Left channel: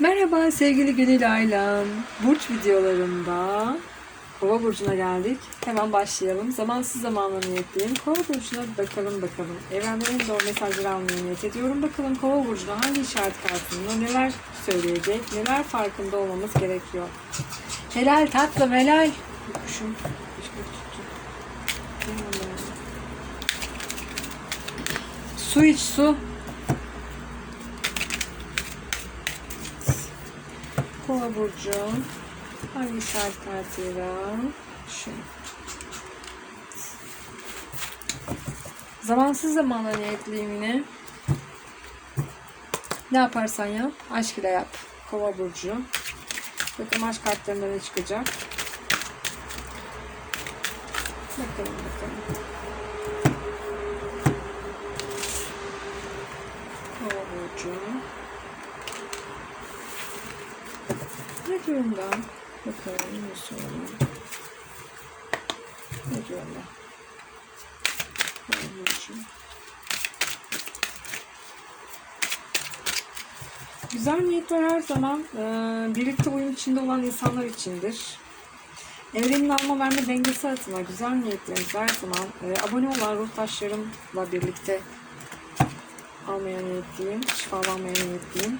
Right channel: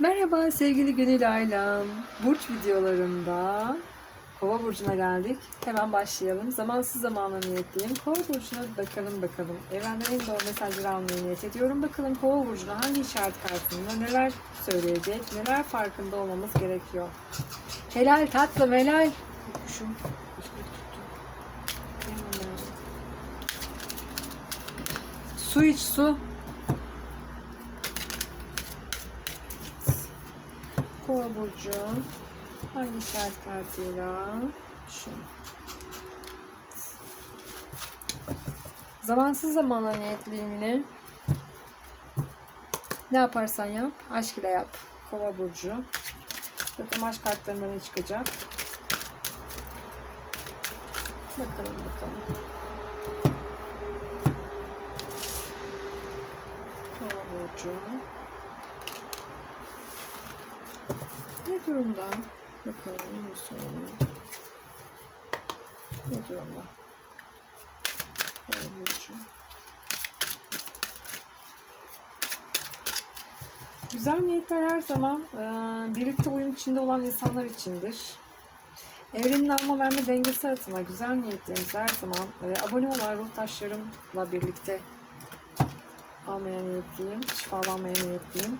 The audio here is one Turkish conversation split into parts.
Merhaba sevgili Gönül Ailem. Burç videolarında Kova Burcu'na geldik. Hemen başlayalım. Zamansız zamanla niyetleyelim. Kova Burcu'na bakalım bakalım. Evrenden en doğru mesajları almayı niyet ediyorum. Bakalım Kova Burcu'na hangi işaret kartında neler söyleyecek, neler farkında olmamız gerekiyor. Helal tatlım helal. Kuşum. Su iç su. Kova burcu işaret kartıyla şu zamansız zamana niyetliyim yine ne yaparsan yap aşk ile yap. Kova burcu. Bakalım aşk kartlarında ne çıkacak? Bakalım bakalım. Kova burcu diyorlar? Bakalım ne söylüyor. Ne diyorlar? Olmuş. Güzel niyetler her zaman e, birlikte uyum içinde olan insanlar içindir. Evrenin alma verme dengesi adına güzel niyetlerimiz her zaman e, abone olan ruh taşlarımla birlikte almaya niyetliyim, şifalanmaya niyetliyim.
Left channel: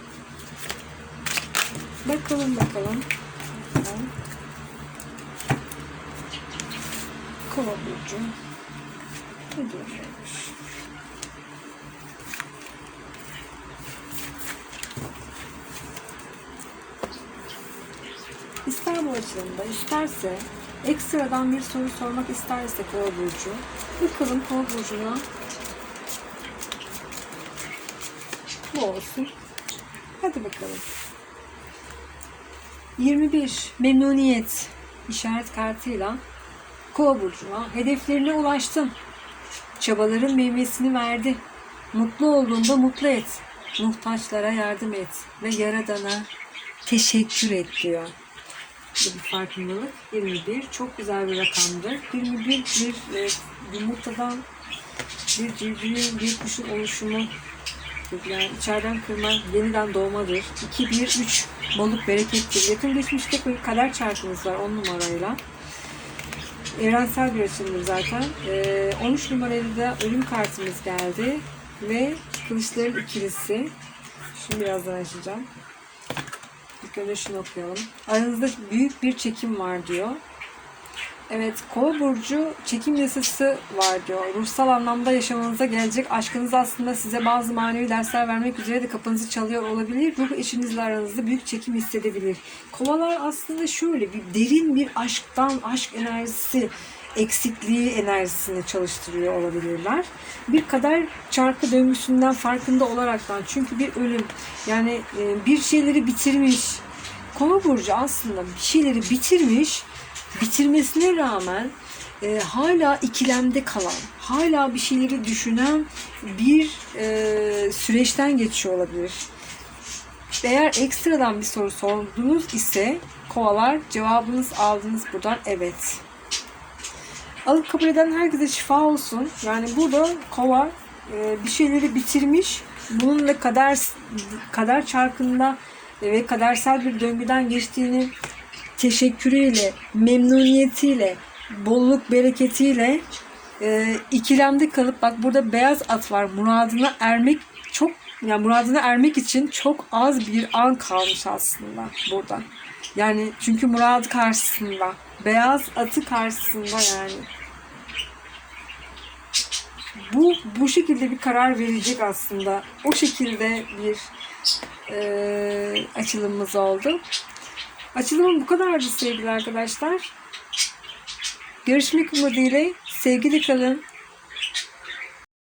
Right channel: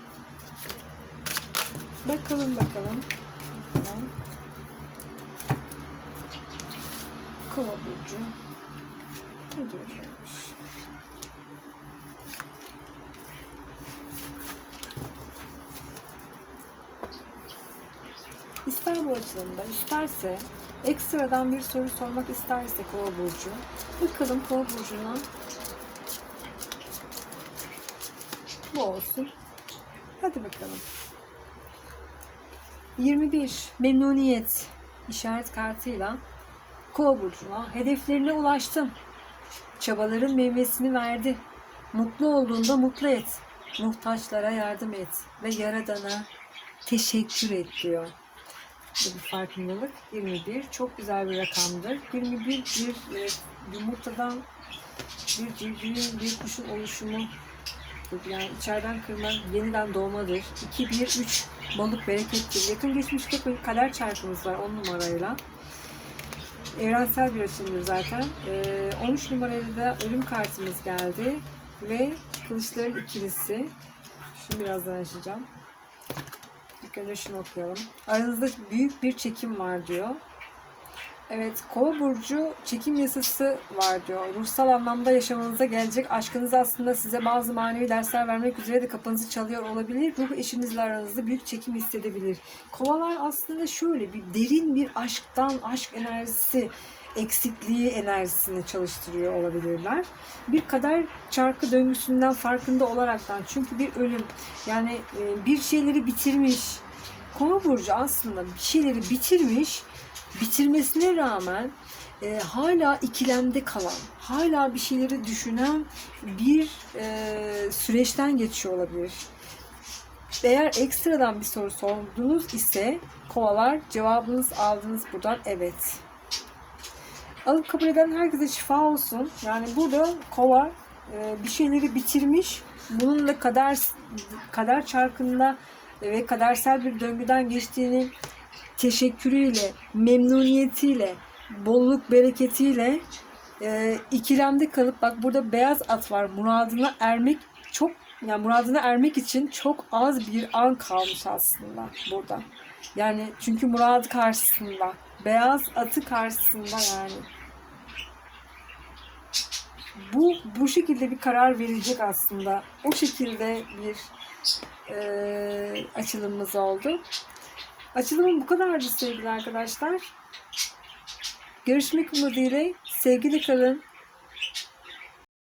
Bakalım bakalım. Kova burcu. İster bu açılımda, isterse ekstradan bir soru sormak isterse Kova burcu. Bakalım Kova burcuna bu olsun. Hadi bakalım. 21 memnuniyet işaret kartıyla Kova burcuna hedeflerine ulaştın. Çabaların meyvesini verdi. Mutlu olduğunda mutlu et. Muhtaçlara yardım et ve yaradana teşekkür et diyor. Bu bir farkındalık. 21 çok güzel bir rakamdır. 21 bir yumurtadan bir civcivin bir kuşun oluşumu yani içeriden kırma yeniden doğmadır. 2, 1, 3 balık berekettir. Yakın geçmişte bir kader çarkımız var 10 numarayla. Evrensel bir açılımdır zaten. Ee, 13 numarayla da ölüm kartımız geldi. Ve kılıçların ikilisi. Şimdi birazdan açacağım. İlk önce şunu okuyalım. Aranızda büyük bir çekim var diyor. Evet, Kova burcu çekim yasası var diyor. Ruhsal anlamda yaşamanıza gelecek aşkınız aslında size bazı manevi dersler vermek üzere de kapınızı çalıyor olabilir. Ruh eşinizle aranızda büyük çekim hissedebilir. Kovalar aslında şöyle bir derin bir aşktan, aşk enerjisi, eksikliği enerjisini çalıştırıyor olabilirler. Bir kader çarkı döngüsünden farkında olaraktan çünkü bir ölüm yani e, bir şeyleri bitirmiş. Kova burcu aslında bir şeyleri bitirmiş bitirmesine rağmen e, hala ikilemde kalan, hala bir şeyleri düşünen bir e, süreçten geçiyor olabilir. Eğer ekstradan bir soru sordunuz ise kovalar cevabınız aldınız buradan evet. Alıp kabul eden herkese şifa olsun. Yani burada kova e, bir şeyleri bitirmiş. Bununla kader kader çarkında ve kadersel bir döngüden geçtiğini teşekkürüyle, memnuniyetiyle, bolluk bereketiyle e, ikilemde kalıp bak burada beyaz at var. Muradına ermek çok yani muradına ermek için çok az bir an kalmış aslında burada. Yani çünkü murad karşısında. Beyaz atı karşısında yani. Bu bu şekilde bir karar verecek aslında. O şekilde bir e, açılımımız oldu. Açılımım bu kadardı sevgili arkadaşlar. Görüşmek umuduyla sevgili kalın,